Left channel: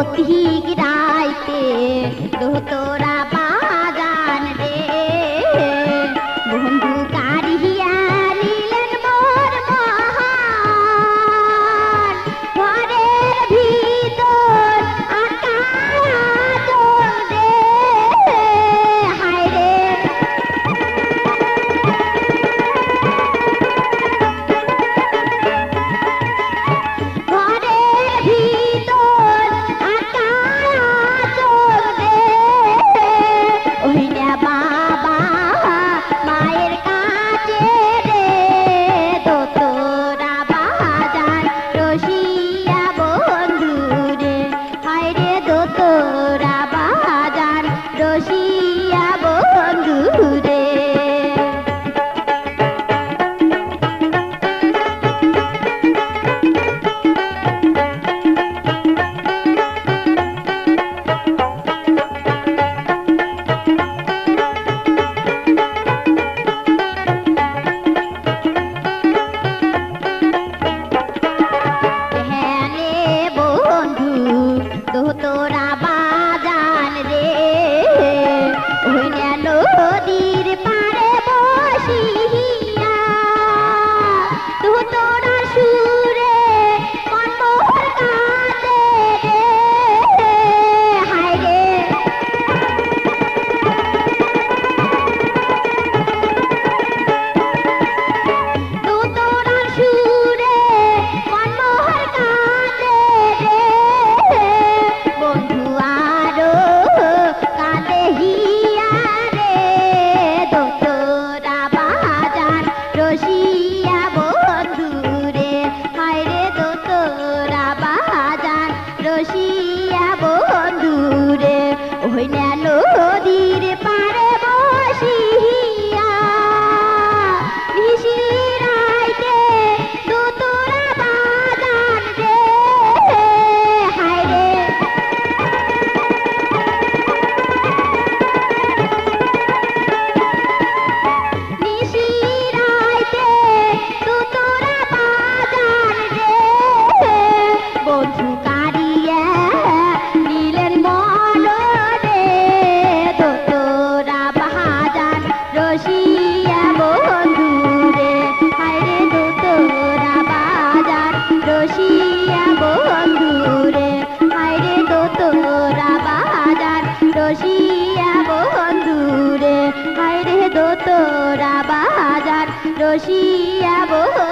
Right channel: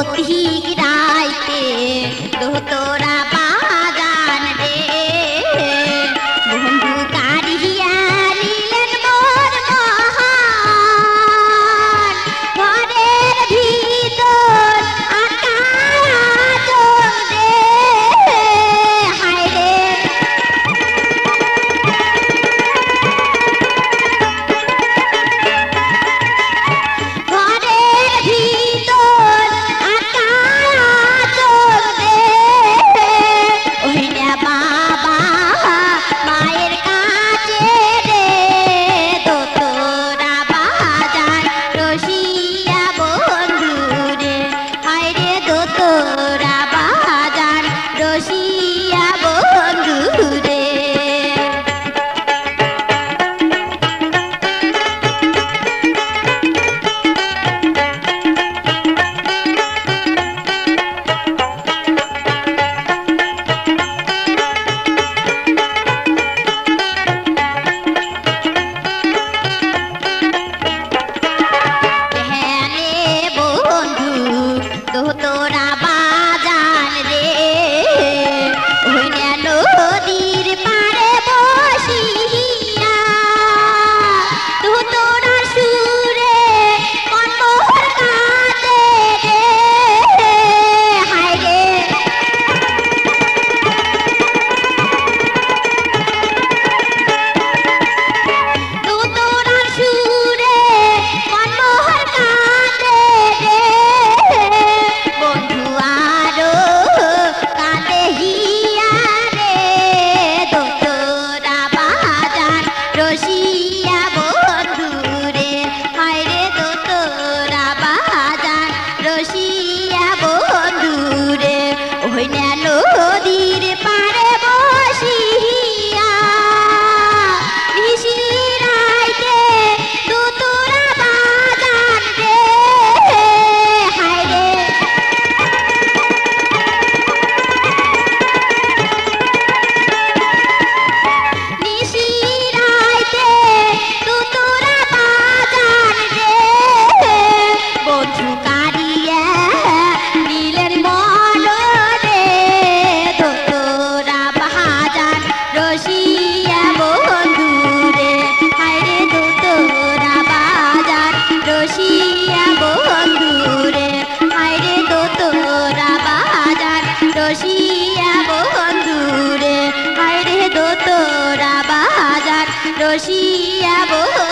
পথিক রাইতে দোতরা বাজান রে বন্ধু কারিয়া নিলেন মোর মহান ঘরের ভিতর আকাশ রে হায় রে ঘরের ভিতর আকাশ রে ওই না বাবা মায়ের কাছে রে দোতরা বাজার রসিয়া বন্ধু রে হায় রে দোতরা বাজার রসিয়া বন্ধু রে ধ্যানে বন্ধু দোতরা বাজান রে ওই না নদীর পাড়ে বসিয়া দোতরা সুরে মনমোহর কাঁদে রে হায় রে দোতরা সুরে মনমোহর কাঁদে রে বন্ধু আরো কাঁদে হিয়া রে দোতরা বাজার রসিয়া বন্ধু রে হায় রে দোতরা বাজার রসিয়া বন্ধু রে ওই না নদীর পাড়ে বসিয়া নিশিরাইতে দোতরা বাজান রে হায় রে নিশিরাইতে দোতরা বাজান রে বন্ধু কারিয়া নিলেন মন রে দোতরা বাজার রসিয়া বন্ধু রে হায় রে দোতরা বাজার রসিয়া বন্ধু রে হায় রে দোতরা বাজার রসিয়া বন্ধু রে হায় রে দোতরা বাজার রসিয়া বন্ধু